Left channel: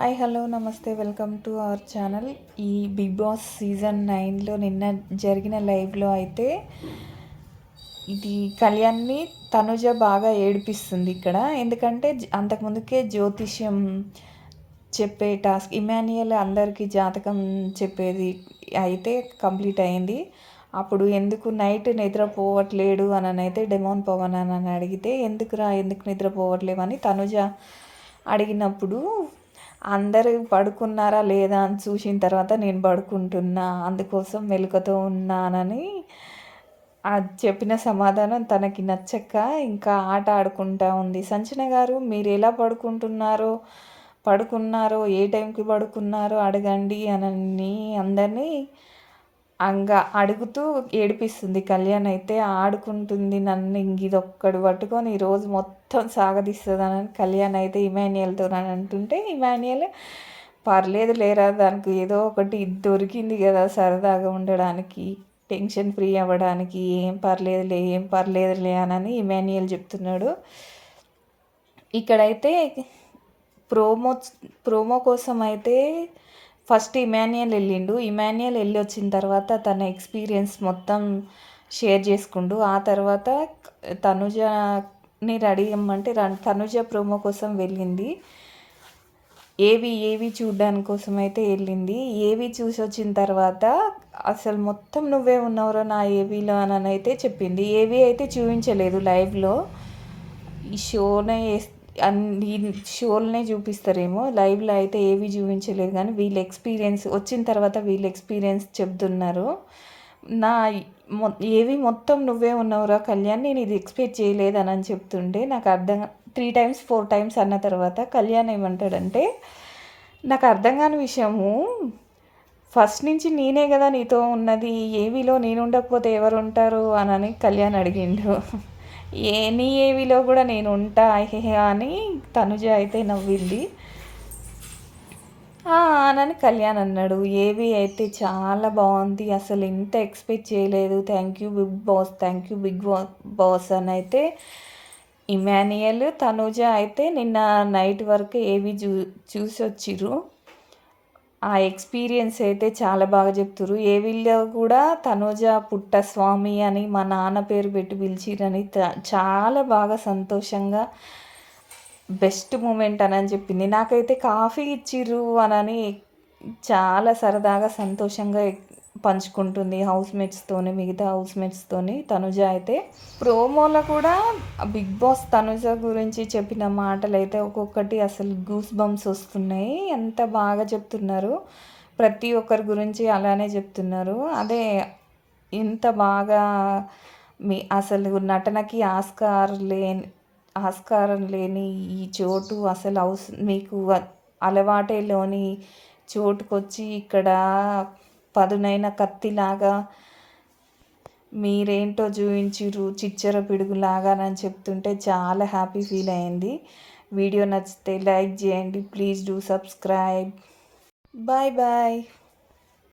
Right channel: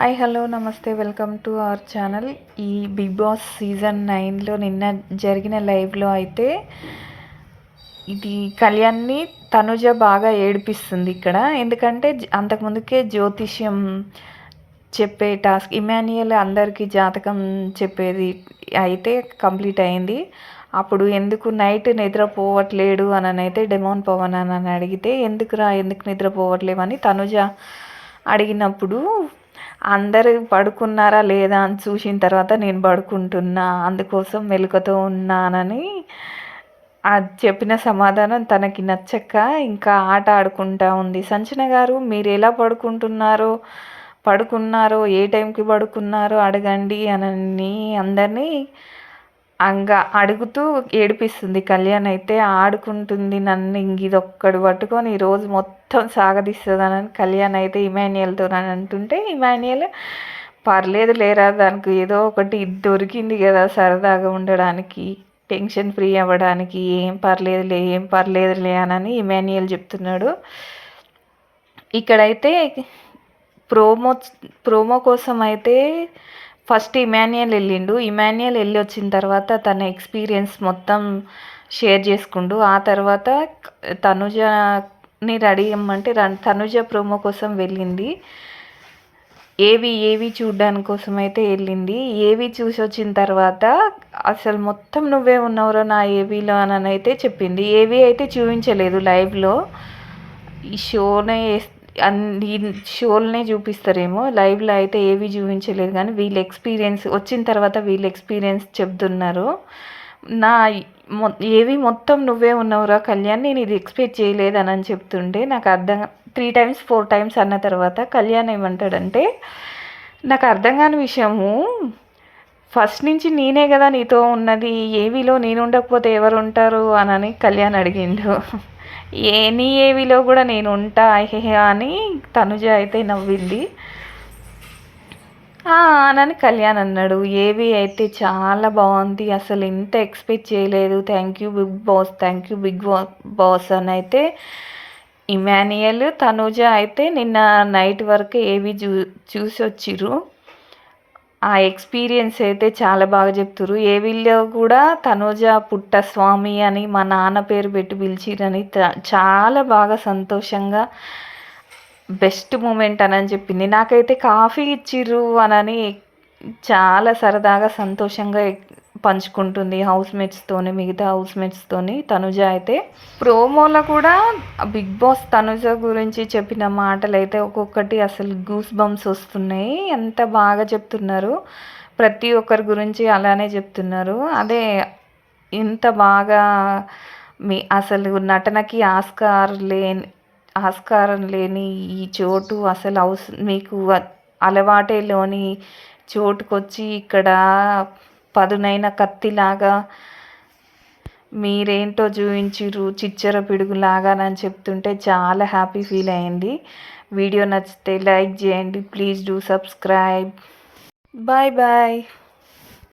Hi hello నమస్తే welcome to our channel. ఈ big boss season నైన్లో నిన్న జరిగిన లైవ్లో అయితే ఇది కళ్యాణ్ని తనుజ బాగా ఏడిపిస్తుంది ఇక్కడ. ఎందుకంటే అంతకుముందుకే జ్యోతిష్యం చెప్పే టాస్క్ ఇమాన్యుయల్ అందరికీ జాతకం చెప్పేది అయితే కంప్లీట్ అయింది. అప్పుడు ఎందుకు నైట్ నిద్రపోవట్లేడు అని అయితే డెమోన్ పవన్ అని అడిగితే ఎందుకురా ఎందుకు నిద్రపోవట్లేవని తనుజ అడిగినప్పుడు అందరు పడుకున్నారా లేదా అని చూసిన తర్వాత నేను పడుకుంటున్నా అందుకోసం మెలకుతో ఉన్నానని అది చెప్పిన సమాధానం తనకి నచ్చక ఇంకా ఆట ఆడుకుంటా ఉంది. సంచన గారు మీరు ఎలా పడుకుంటున్నారో పడుకున్నారో ఏ టైంకి పడుకున్నారో అడగండి అని అందరినీ అంగా అడుగుతూ ఏడిపిస్తుంది. కళ్యాణ్ అయితే ఆడుకుంటుంది నన్ను ఇంక ఇదొక్కడు పట్టుకొని ఈరోజు మొత్తం సాగదీస్తుందని కళ్యాణ్ అయితే ఇమాన్యుయల్తో అని అంటుంటే ఇమాన్యుయల్ పర్లేదు లేరా దానికి ఏదో ఒకటి దొరికింది కదా సరదాగా ఉండడానికి టెన్షన్ ఫ్రీ అవ్వడానికి ఏం పర్లేదులే ఏం పర్లేదులే అని ఇమాన్యుయల్ చెప్తున్నాడు. ఇక్కడైతే ప్రోమో ప్రోమో కోసం అయితే ఫస్ట్ ఇమాన్యుయల్ వెళ్ళిండు. ఇమాన్యుయల్ వెళ్ళి వచ్చిన తర్వాత తన ఎక్స్పీరియన్స్ మొత్తం షేర్ చేసుకుండు. ఆ తర్వాత తనుజని రెడీ ఇమ్మంటే తనుజ ప్రోమో కోసం వెళ్ళింది. ఏవి ఏవి చూడడానికి కోసం అయితే వెళ్ళింది. ఏవి చూసి వచ్చిన తర్వాత అసలు మొత్తం నువ్వే ఉన్నావురా నా ఏవీలో అని అయితే చెప్పింది. ఏవి అయితే చూపించలేదు లైవ్లో ఈ షోనే అన్ని షోలనే చూపిస్తారేమో. లైవ్లో అయితే ఏవి చూపించలేదు కానీ వీళ్ళ ఎక్స్పీరియన్స్ వచ్చిన తర్వాత వీళ్ళ ఎక్స్పీరియన్స్ చెప్తున్నారు. నా మొ ఏవి మొత్తం నువ్వే ఉన్నావురా కళ్యాణ్ నేను ఇది ఎక్స్పెక్ట్ చేయలేదని అని చెప్తుంటే నాకు అర్థం త్రీ టైమ్స్ ఫోర్ టైమ్స్ అన్న తర్వాత కళ్యాణ్ ఏమంటాడంటే నాకు అర్థం కాని విషయము. ఫస్ట్ నుంచి నేనే కదా నీతో ఉన్నది. ఏవిలో నేను ఉండకపోతే ఎవరు ఉంటారు? అని కళ్యాణ్ అడిగిండు. ఏని ఏవిలో కూడా నేను ఉంటా హే అని తనుజ అయితే నవ్వింది. "ఆ" అని కళ్యాణ్ అన్నాడు ఏవి అయితే చాలా బాగుంది అసలు ఇంత ఎక్స్పెక్ట్ చేయలేదు. Thank you big boss thank you big boss అని అయితే ఇమానియల్ తనుజ అయితే నిన్న నైట్ వరకు ఏవి చూ చూసి వచ్చిర్రు ఆ ఎక్స్పీరియన్స్ అయితే చాలా బాగా చెప్తురు విల్లో కూడా తనోజ పుట్ట స్వామి అని మా నాన్న పేరు పెట్టి పిలిచిరని చాలా బాగా సంతోషంగా బెస్ట్ మూమెంట్ అని చెప్పింది. నాకైతే కాఫీ ఇచ్చిర్రు అనని చాలా సరదాగా సంతోషంగా పంచుకుంటుంది హౌస్ మేట్స్తోని మిగతా హౌస్ మేట్స్తోని తనుజ అయితే ప్రోమోలో కూడా బిగ్ బాస్ తనుజ గురించి చెప్పిన మాటలు అయితే ఒక్కొక్కటి అసలు గూస్ బంప్స్ వస్తున్నాయి. ఎంత బాగా చెప్తున్నారు. ప్రతి ఒక్కరి గురించి అలానే చెప్తున్నారు. అదే ఇంత బాగా మీ అసలు నటనకి ఆస్కార్ లేని ఆస్కారం లేని ఈ చోటు అసలు అవస మీకు అలవాటే లేని చోటుకొచ్చి ఇక్కడ పదునైన కత్తిలాగా మీరేంటో చూపించిర్రు చిచ్చర పిడుగులాగా అని చెప్తుంటే చాలా హ్యాపీ ఫీల్ అయింది. వీడియో నచ్చితే లైక్ చేయండి please do subscribe. Bye bye.